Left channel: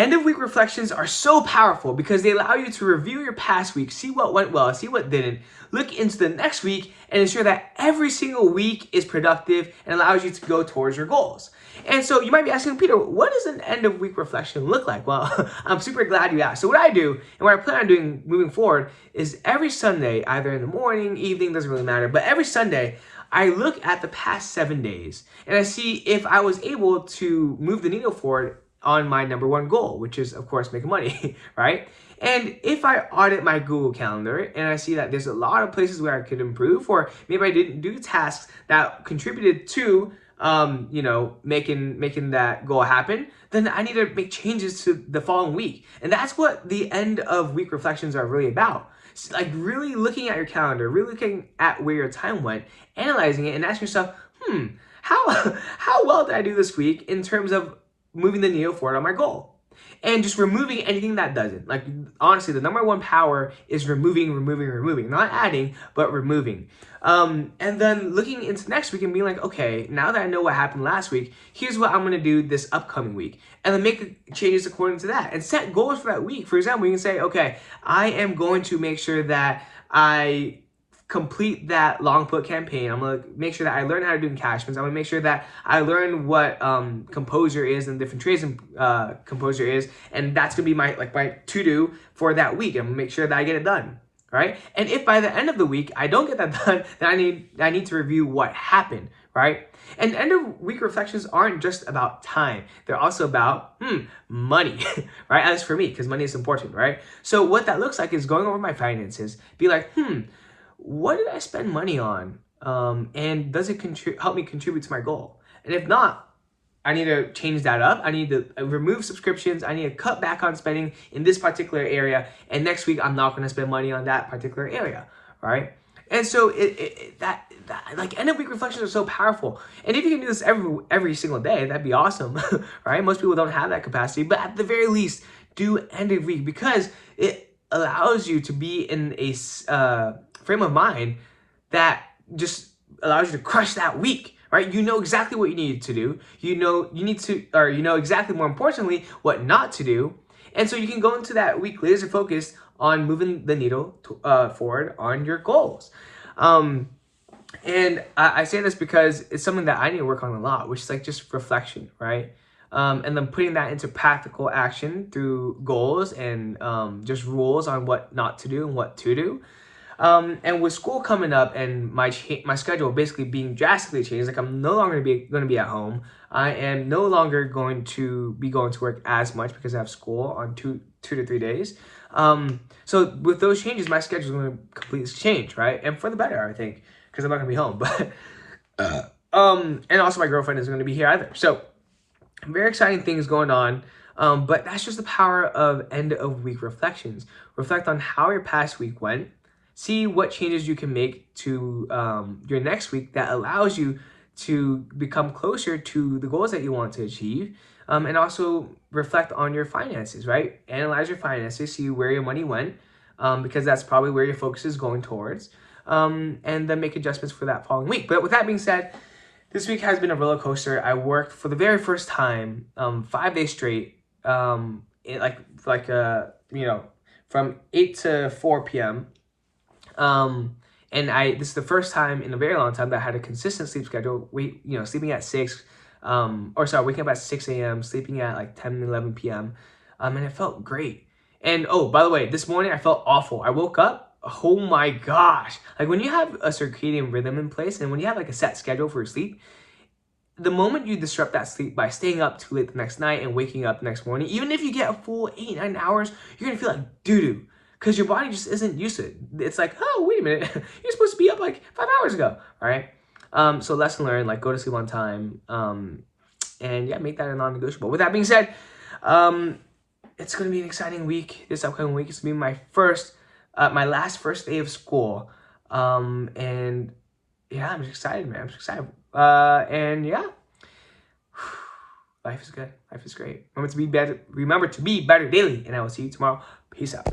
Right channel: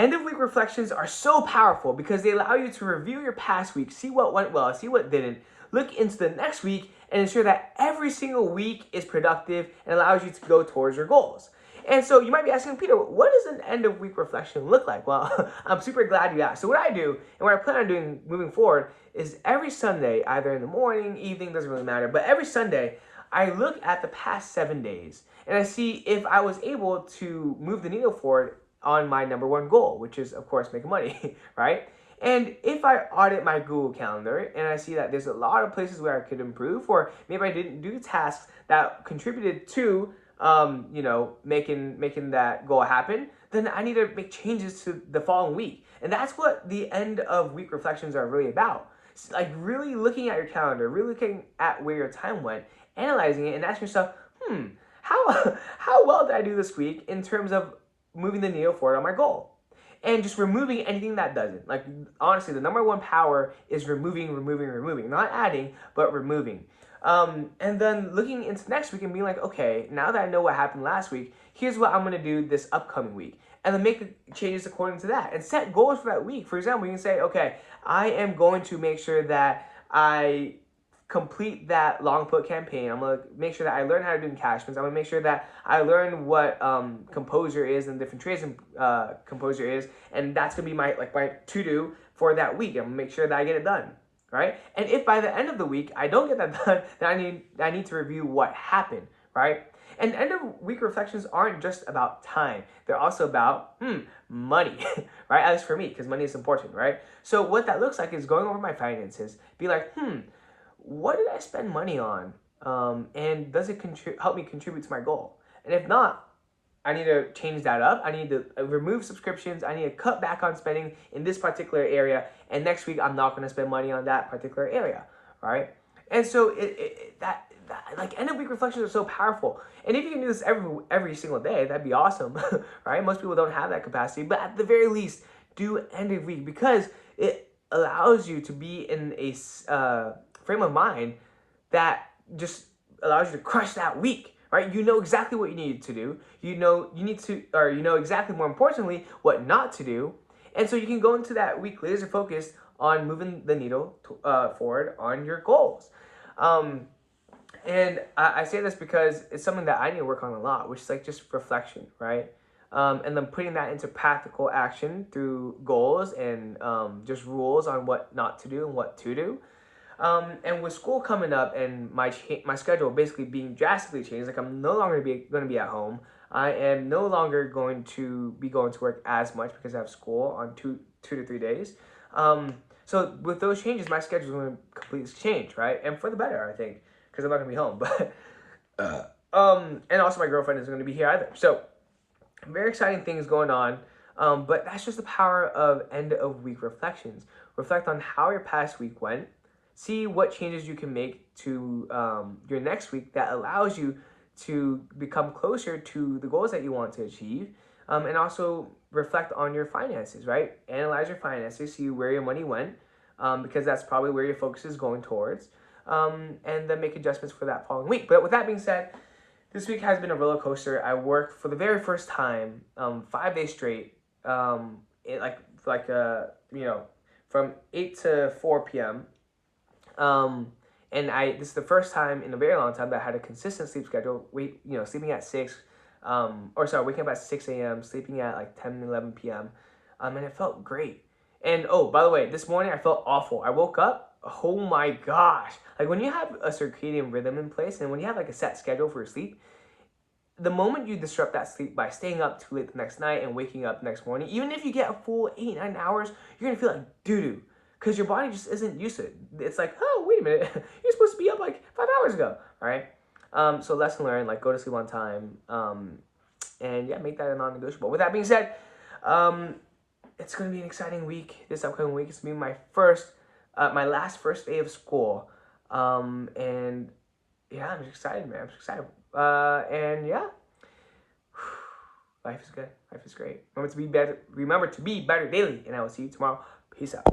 End of week reflections are so powerful because they allow you to review your past week, see what went well, see what didn't, look into the next week, and ensure that every single week is productive and allows you to go towards your goals. And so you might be asking, Peter, what does an end of week reflection look like? Well, I'm super glad you asked. So what I do and what I plan on doing moving forward is every Sunday, either in the morning, evening, doesn't really matter, but every Sunday, I look at the past 7 days and I see if I was able to move the needle forward on my #1 goal, which is, of course, making money, right? And if I audit my Google Calendar and I see that there's a lot of places where I could improve, or maybe I didn't do tasks that contributed to, making that goal happen, then I need to make changes to the following week. And that's what the end of week reflections are really about. It's like really looking at your calendar, really looking at where your time went, analyzing it, and asking yourself, how well did I do this week in terms of moving the needle forward on my goal? And just removing anything that doesn't. Like, honestly, the #1 power is removing, not adding, but removing. And then looking into next week and being like, okay, now that I know what happened last week, here's what I'm going to do this upcoming week. And then make changes according to that and set goals for that week. For example, you can say, okay, I am going to make sure that I complete that long put campaign. I'm gonna make sure that I learn how to do encashments. I'm gonna make sure that I learn what composure is and different trades in composure is, and that's gonna be my to-do for that week. I'm gonna make sure that I get it done, right? And if by the end of the week I don't get that done, then I need to review what happened, right? And end of week reflections aren't just about time. They're also about money, right? At least for me, because money is important, right? So what that looks like is going over my finances, be like, what did I spend money on? And does it help me contribute to my goal? And if not, I need to change that up. I need to remove subscriptions. I need to cut back on spending in this particular area. And next week, I'm not going to spend money on that particular area, right? And so like end of week reflections are so powerful. And if you can do this every single day, that'd be awesome, right? Most people don't have that capacity, but at the very least, do end of week because it allows you to be in a frame of mind that just allows you to crush that week, right? You know exactly what you need to do. You know exactly, more importantly, what not to do. And so you can go into that week laser focused on moving the needle forward on your goals. And I say this because it's something that I need to work on a lot, which is like just reflection, right? And then putting that into practical action through goals and just rules on what not to do and what to do. And with school coming up and my schedule basically being drastically changed, like I'm no longer going to be at home. I am no longer going to be going to work as much because I have school on two to 3 days. So with those changes, my schedule is going to completely change, right? And for the better, I think, because I'm not going to be home. But and also my girlfriend isn't going to be here either. So very exciting things going on. But that's just the power of end of week reflections. Reflect on how your past week went. See what changes you can make to your next week that allows you to become closer to the goals that you want to achieve. And also reflect on your finances, right? Analyze your finances, see where your money went, because that's probably where your focus is going towards. And then make adjustments for that following week. But with that being said, this week has been a roller coaster. I worked for the very first time 5 days straight, from 8 to 4 p.m. And this is the first time in a very long time that I had a consistent sleep schedule. Sleeping at 6, waking up at 6 a.m., sleeping at like 10, 11 p.m. And it felt great. And oh, by the way, this morning I felt awful. I woke up, oh my gosh. Like when you have a circadian rhythm in place and when you have like a set schedule for your sleep, the moment you disrupt that sleep by staying up too late the next night and waking up the next morning, even if you get a full 8-9 hours, you're going to feel like doo-doo. Because your body just isn't used to it. It's like, oh, wait a minute. You're supposed to be up like 5 hours ago. All right. So lesson learned, like go to sleep on time. And yeah, make that a non-negotiable. With that being said, it's going to be an exciting week. This upcoming week is going to be my last first day of school. And yeah, I'm just excited, man. I'm just excited. And yeah, life is good. Life is great. Remember to be better daily. And I will see you tomorrow. Peace out.